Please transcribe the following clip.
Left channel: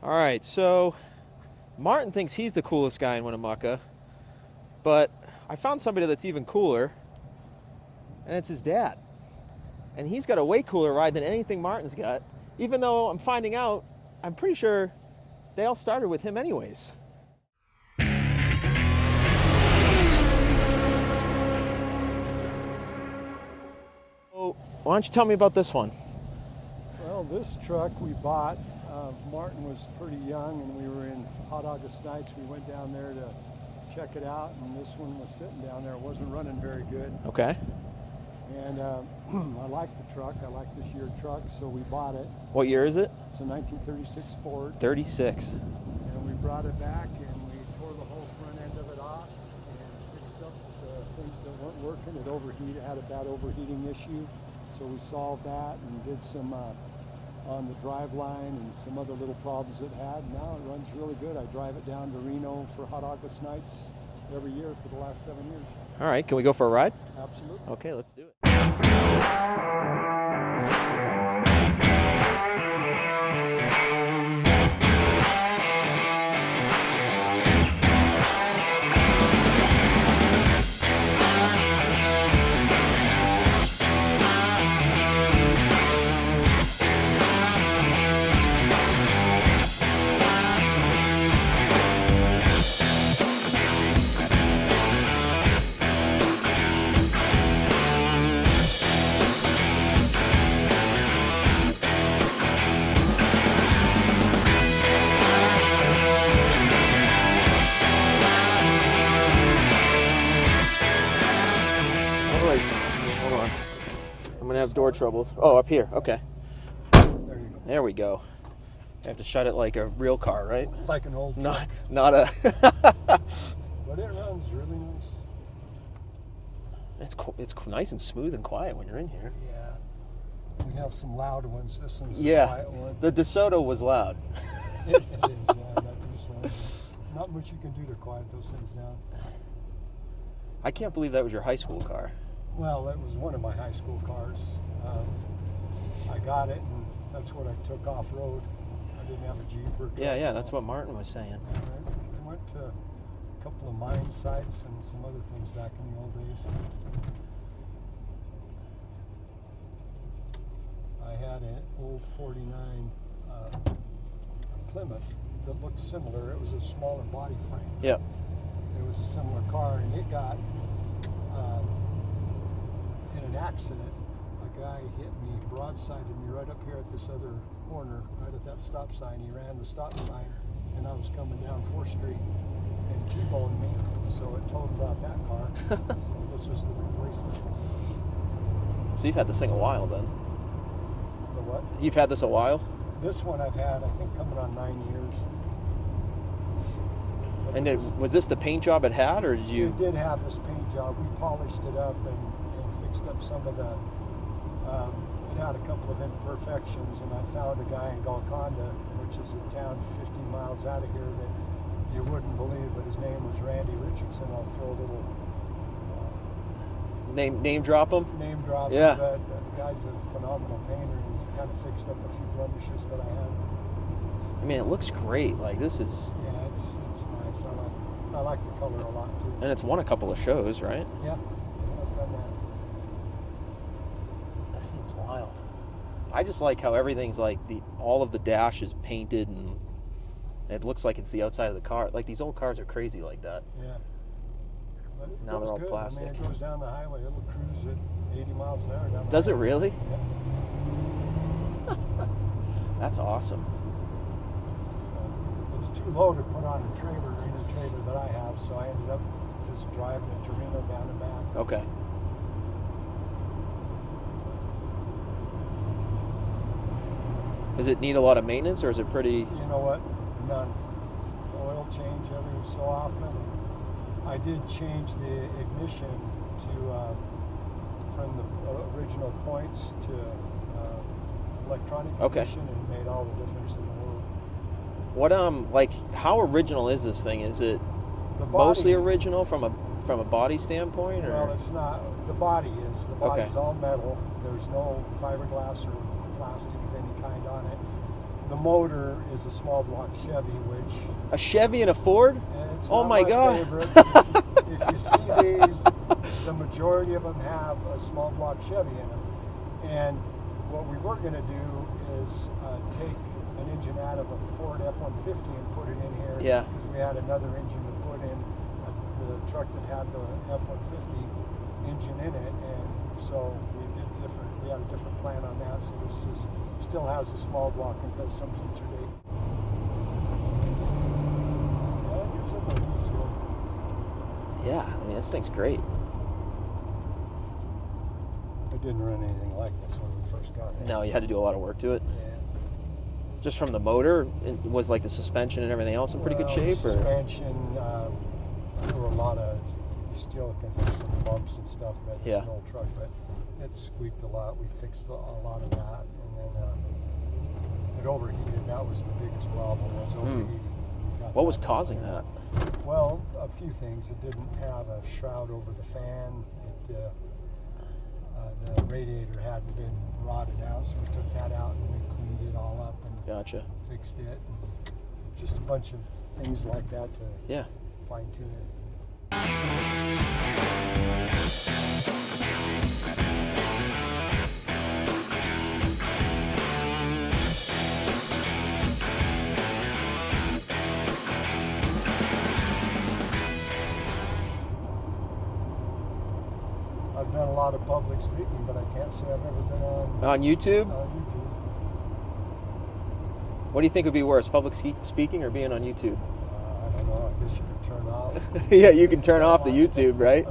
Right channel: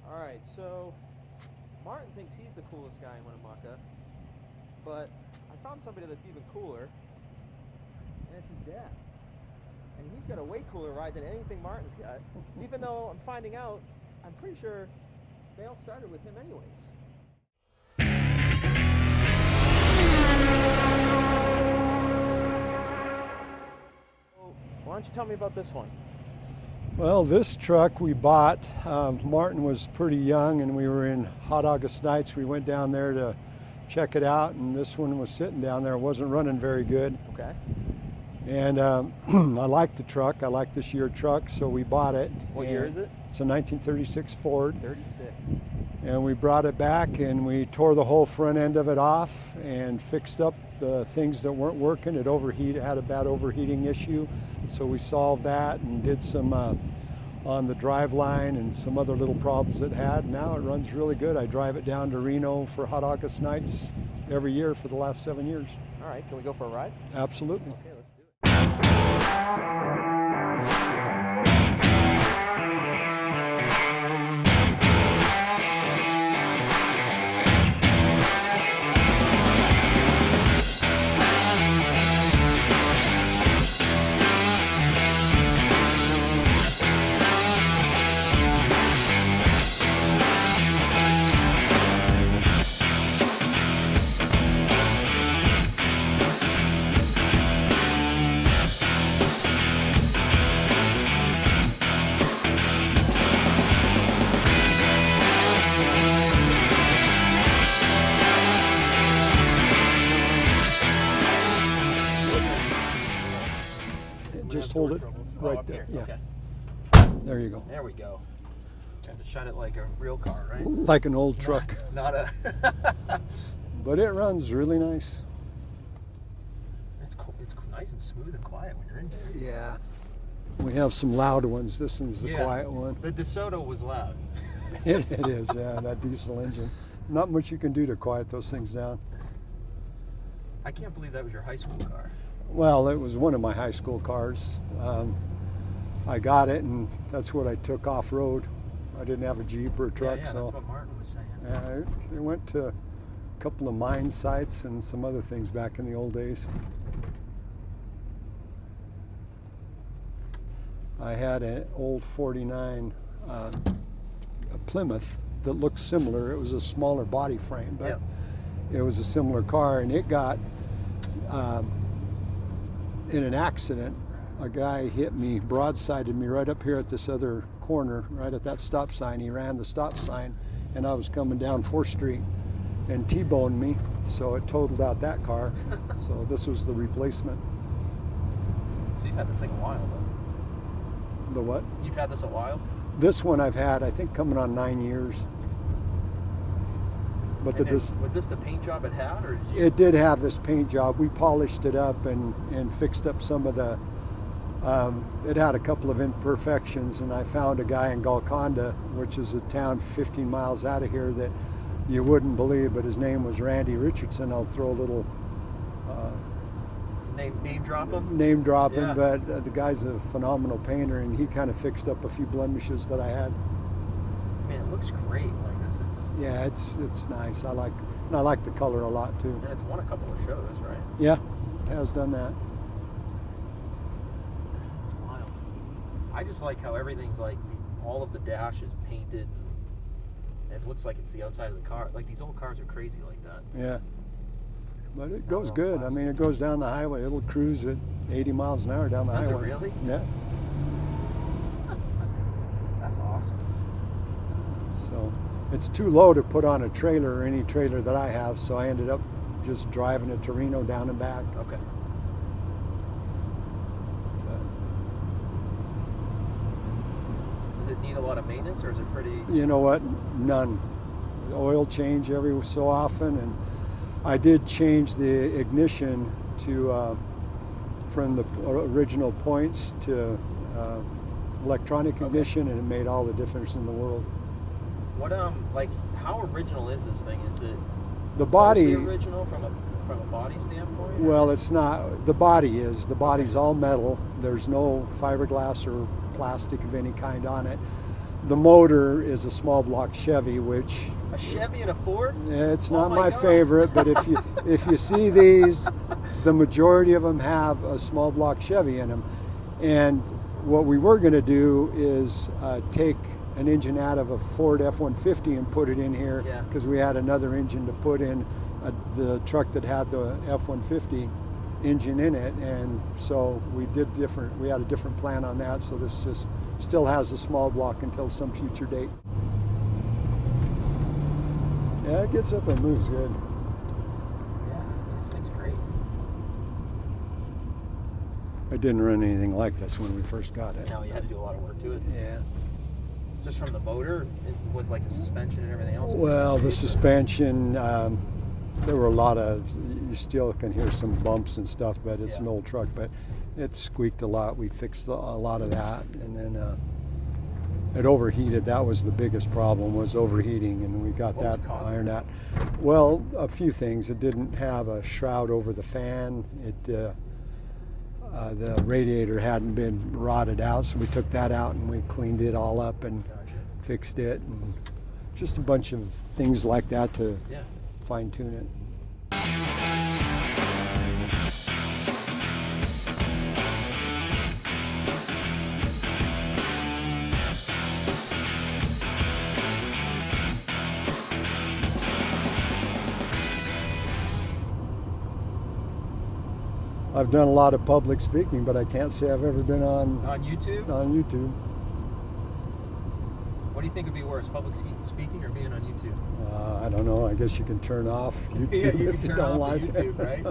All right, so Martin thinks he's the coolest guy in Winnemucca, but I found somebody that's even cooler, and it's his dad. And he's got a way cooler ride than anything Martin's got, even though I'm finding out, I'm pretty sure they all started with him anyways. So, why don't you tell me about this one? Well, this truck we bought, Martin was pretty young and we were in Hot August Nights. We went down there to check it out, and this one was sitting down there. It wasn't running very good. Okay. And I like the truck. I like this year truck, so we bought it. What year is it? It's a 1936 Ford. 36. And we brought it back and we tore the whole front end of it off and fixed up the things that weren't working. It had a bad overheating issue. So we solved that and did some on the drive line and some other little problems it had. Now it runs really good. I drive it down to Reno for Hot August Nights every year for the last 7 years. All right, can we go for a ride? Absolutely. Okay, let's do it. Door troubles. Oh, up here. Yeah. Okay. There you go. There we go. I have to shut it like a real car, right? Like an old truck. Not a. But it runs really nice. It's nice and smooth and quiet when you're in here. Yeah. We have some loud ones. This one's the quiet one. The DeSoto was loud. It is, yeah, that diesel engine. Not much you can do to quiet those things down. I can't believe that was your high school car. Well, it was one of my high school cars. I got it, and that's what I took off-road. I didn't have a Jeep or a truck. Yeah, so, that's what Martin was saying. Yeah, I went to a couple of mine sites and some other things back in the old days. I had an old 49 Plymouth that looked similar. It was a smaller body frame, but it was a similar car, and it got in an accident. A guy hit me, broadsided me right up here at this other corner, right at that stop sign. He ran the stop sign, and I was coming down 4th Street and T-boned me, so it totaled out that car. So this was the replacement. So you've had this thing a while then? The what? You've had this a while? This one I've had, I think, coming on 9 years. But and then, was this the paint job it had, or did you? It did have this paint job. We polished it up and fixed up some of the, it had a couple of imperfections, and I found a guy in Golconda, which is a town 15 miles out of here, that you wouldn't believe, but his name was Randy Richardson. I'll throw a little name drop him? Name drop him, Yeah. but the guy's a phenomenal painter, and he kind of fixed up a few blemishes that I had. I mean, it looks great. Like, this is... Yeah, it's nice. I like the color a lot too. And it's won a couple of shows, right? Yeah, it has done that. This thing's wild. I just like how everything's like all of the dash is painted and it looks like it's the outside of the car. Like, these old cars are crazy like that. Yeah. But it Now goes they're all good. I mean, plastic. it goes down the highway. It'll cruise at 80 miles an hour down the Does it highway. really? Yeah. That's awesome. So it's too low to put on a trailer or any trailer that I have, so I ended up just driving it to Reno down and back. Okay. Does it need a lot of maintenance, or is it pretty... You know what? None. Oil change every so often, and I did change the ignition to from the original points to electronic ignition, and it made all the difference in the world. What like, how original is this thing? Is it The body, mostly original from a body standpoint? Or? well, it's not. The body is. The body's Okay. all metal. There's no fiberglass or plastic of any kind on it. the motor is a small block Chevy, which A Chevy and a Ford? it's Oh not my my God. favorite, but if you see these, the majority of them have a small block Chevy in them. And what we were going to do is take an engine out of a Ford F-150 and put it in here, Yeah. because we had another engine to put in the truck that had the F-150 engine in it, and so we had a different plan on that, so this just still has a small block until some future date. Yeah, it gets up and moves good. Yeah, I mean, this thing's great. It didn't run anything like this when we first got it. Now you had to do a lot of work to it. Yeah. Just from the motor, it was like the suspension and everything else in pretty Well, good shape? the suspension, there were a lot of, you still can hear some bumps and stuff, but it's Yeah. an old truck, but it squeaked a lot. We fixed a lot of that, and then it overheated. That was the biggest problem, was overheating, and we got What was that causing ironed that? out. Well, a few things. It didn't have a shroud over the fan. The radiator hadn't been rotted out, so we took that out and we cleaned it all up and Gotcha. fixed it. And just a bunch of things like that to Yeah. fine tune it. I've done a lot of public speaking, but I can't say I've ever been on YouTube? YouTube. What do you think would be worse, public speaking or being on YouTube? I don't know. I guess you can turn off YouTube Yeah, you can if turn don't off the like it. YouTube, right?